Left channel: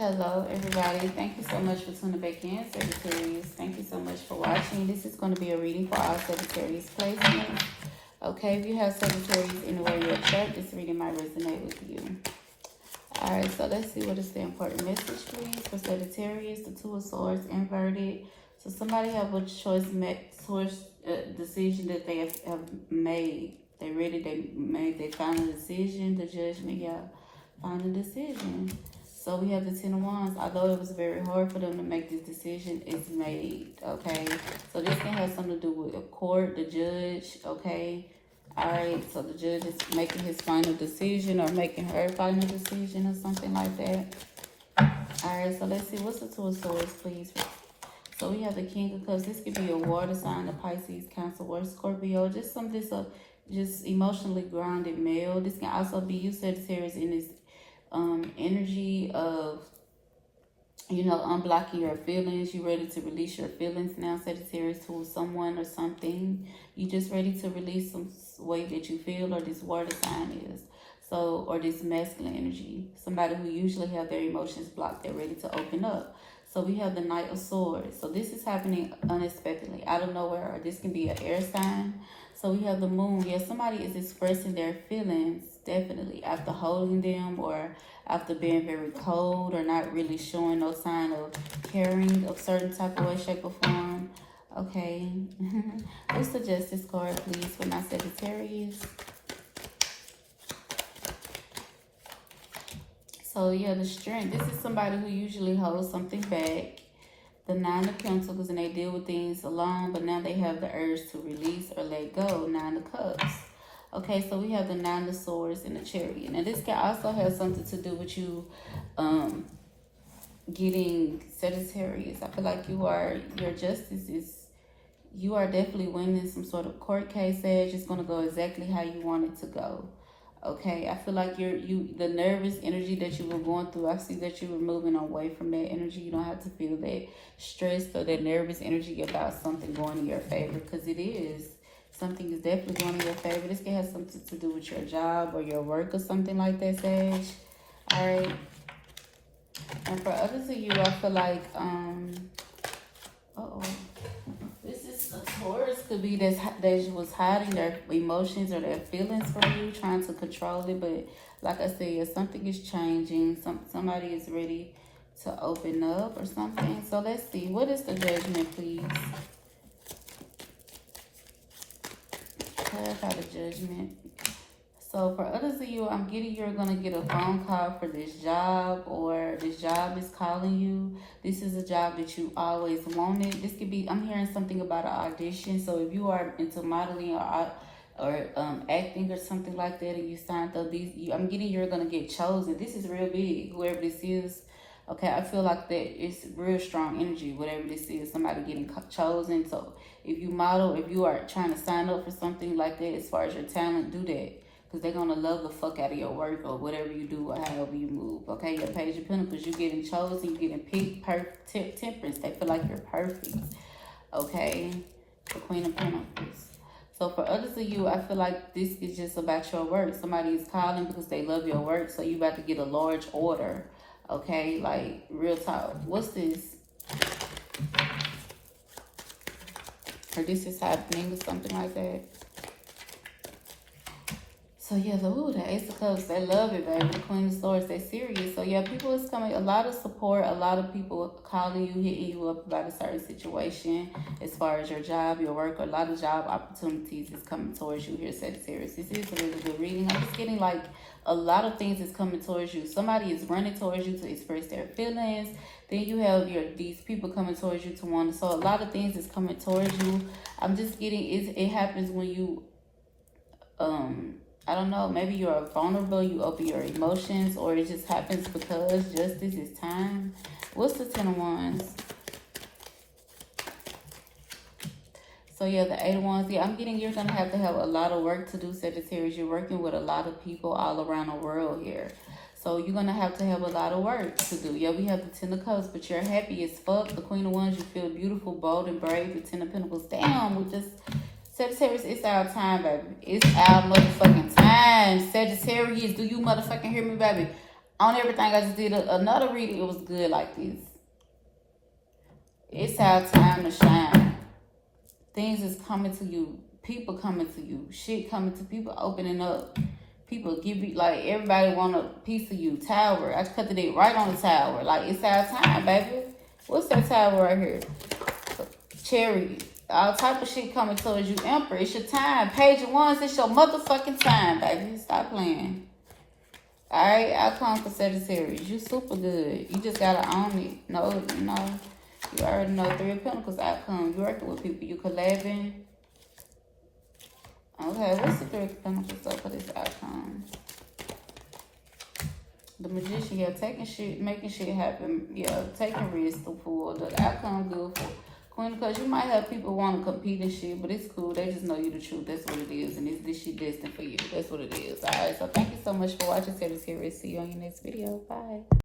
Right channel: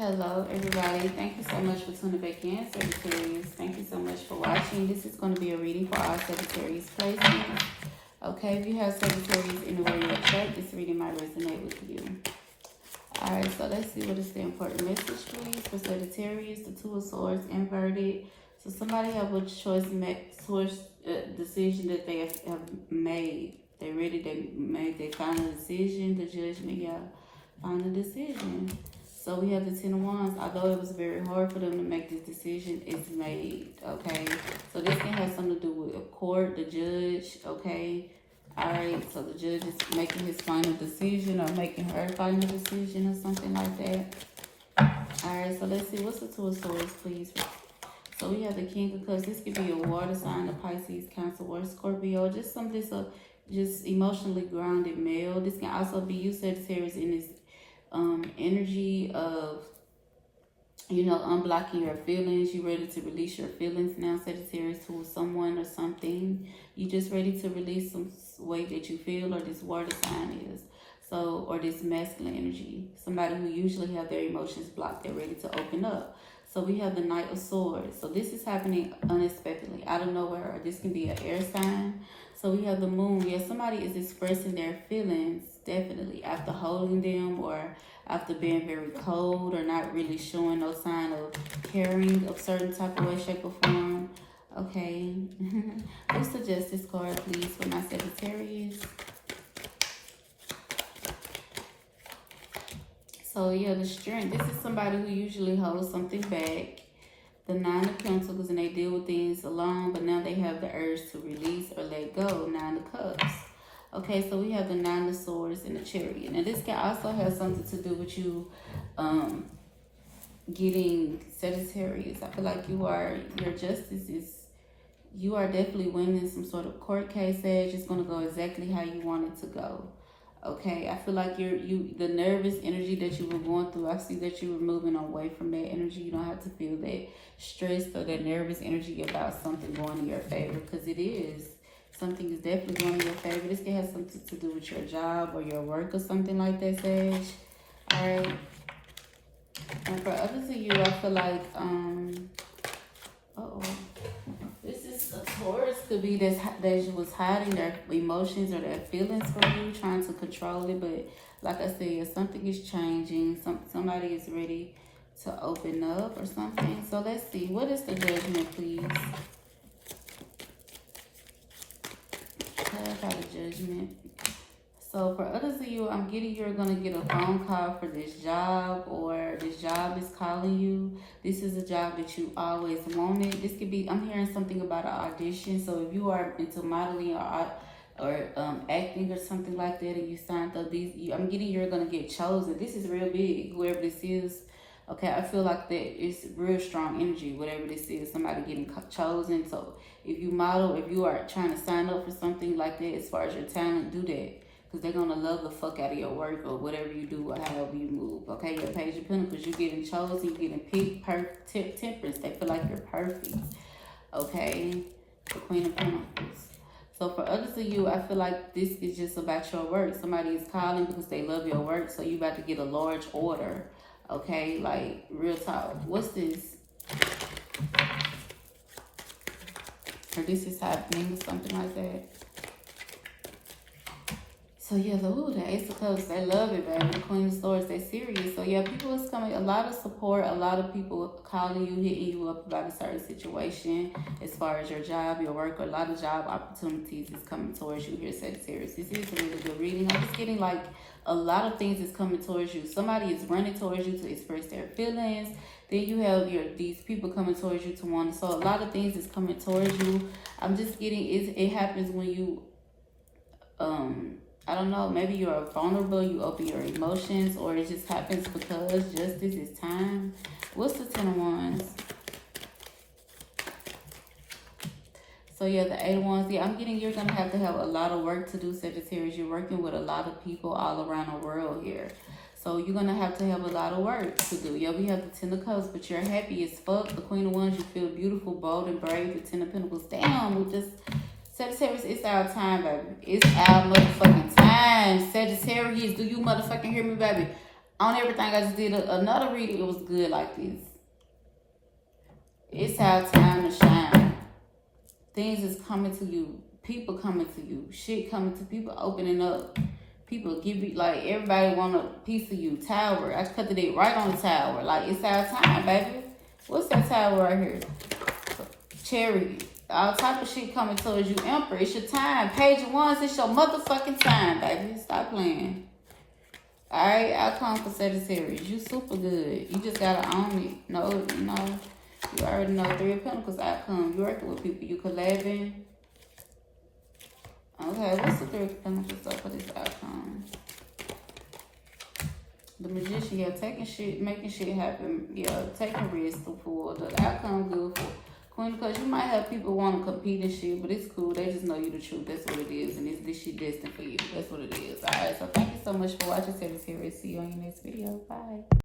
Hello, everybody. Thank you so much for tuning back in, Sagittarius. Thank you so much for watching. This is going to be a reading for all Sagittarius placements. Okay, if you have Sagittarius in the radio chart, this reading might resonate with you. Alright, so let's see what is the important message, please, for Sagittarius. The Two of Swords inverted. So somebody have a decision that they have made. They made their final decision, the judgment, final decision. So we have the Ten of Wands. Although it was very hard for them to make this decision, it's made, okay? So this can have something to do with a court, the judge, okay? Alright, so the judge is making his final decision or making her final decision or something like that. Alright, so let's see. What's the Two of Swords, please? So we have the King of Cups. This could be a water sign, a Pisces, Cancer, or Scorpio. Just something just emotionally grounded male. This can also be you, Sagittarius, in this energy of, unblocking your feelings. You're ready to release your feelings now, Sagittarius, to someone or something. You just ready to release some way that you feel, or this water sign is. So, or this masculine energy. Somebody who usually have their emotions blocked, they're ready to open up. So we have the Knight of Swords. So this is happening unexpectedly, out of nowhere. This can be an air sign. So we have the Moon. Yeah, somebody is expressing their feelings, definitely, after holding them or after being very cold or not really showing no sign of caring of certain type of way, shape, or form. Okay. What's the Justice card, please, for my Sagittarius? So, yeah, the Strength. This is somebody who usually holds something back. The Nine of Pentacles, and they deal with things alone, but now they have the urge to release or let go. Nine of Cups. Okay, so we have the Nine of Swords and the Chariot. Now, this can also have something to do with you getting Sagittarius. I feel like your justice is, you are definitely winning some sort of court case there. It's just going to go exactly how you want it to go. Okay, I feel like the nervous energy that you were going through, I see that you were moving away from that energy. You don't have to feel that stressed or that nervous energy about something going in your favor, because it is. Something is definitely going in your favor. This can have something to do with your job or your work or something like that, Sage. Alright. And for others of you, I feel like, this is a Taurus, could be that was hiding their emotions or their feelings from you, trying to control it. But like I said, something is changing. Somebody is ready to open up or something. So let's see. What is the Judgment, please? Clarify the Judgment. So for others of you, I'm getting you're going to get a phone call for this job, or this job is calling you. This is a job that you always wanted. This could be, I'm hearing something about an audition. So if you are into modeling or acting or something like that, and you signed up, I'm getting you're going to get chosen. This is real big, whoever this is. Okay, I feel like that it's real strong energy, whatever this is, somebody getting chosen. So if you model, if you are trying to sign up for something like that, as far as your talent, do that. Because they're going to love the fuck out of your work or whatever you do or however you move. Okay, your Page of Pentacles, you're getting chosen, you're getting picked, Temperance. They feel like you're perfect. Okay, the Queen of Pentacles. So for others of you, I feel like this is just about your work. Somebody is calling because they love your work, so you about to get a large order. Okay, like real talk. What's this? Or this is happening or something like that. So yeah, the Ace of Cups, they love it, baby. The Queen of Swords, they're serious. So yeah, people is coming, a lot of support, a lot of people calling you, hitting you up about a certain situation as far as your job, your work, or a lot of job opportunities is coming towards you here, Sagittarius. This is a really good reading. I'm just getting like a lot of things is coming towards you. Somebody is running towards you to express their feelings. Then you have these people coming towards you to want. So a lot of things is coming towards you. I'm just getting, it happens when you, I don't know, maybe you're vulnerable, you open your emotions, or it just happens because justice is time. What's the Ten of Wands? So yeah, the Eight of Wands. Yeah, I'm getting you're going to have a lot of work to do, Sagittarius. You're working with a lot of people all around the world here. So you're going to have a lot of work to do. Yeah, we have the Ten of Cups, but you're happy as fuck. The Queen of Wands, you feel beautiful, bold, and brave. The Ten of Pentacles, damn, with this Sagittarius, it's our time, baby. It's our motherfucking time. Sagittarius, do you motherfucking hear me, baby? on everything I just did another reading, it was good like this. It's our time to shine. Things is coming to you. People coming to you. Shit coming to people opening up. People give you, like, everybody want a piece of you. Tower. I cut the date right on the tower. Like, it's our time, baby. What's that tower right here? Chariot. All type of shit coming towards you. Emperor. It's your time. Page of Wands. It's your motherfucking time, baby. Stop playing. Alright, outcome for Sagittarius. You super good. You just gotta own it. Know, you know, you already know 3 of Pentacles outcome. You working with people. You collabing. Okay, what's the 3 of Pentacles up for this outcome? The Magician, yeah, taking shit, making shit happen. Yeah, taking risks for the outcome good for Queen, because you might have people want to compete and shit, but it's cool. They just know you the truth. That's what it is. And this shit destined for you. That's what it is. Alright, so thank you so much for watching Sagittarius. See you on your next video. Bye.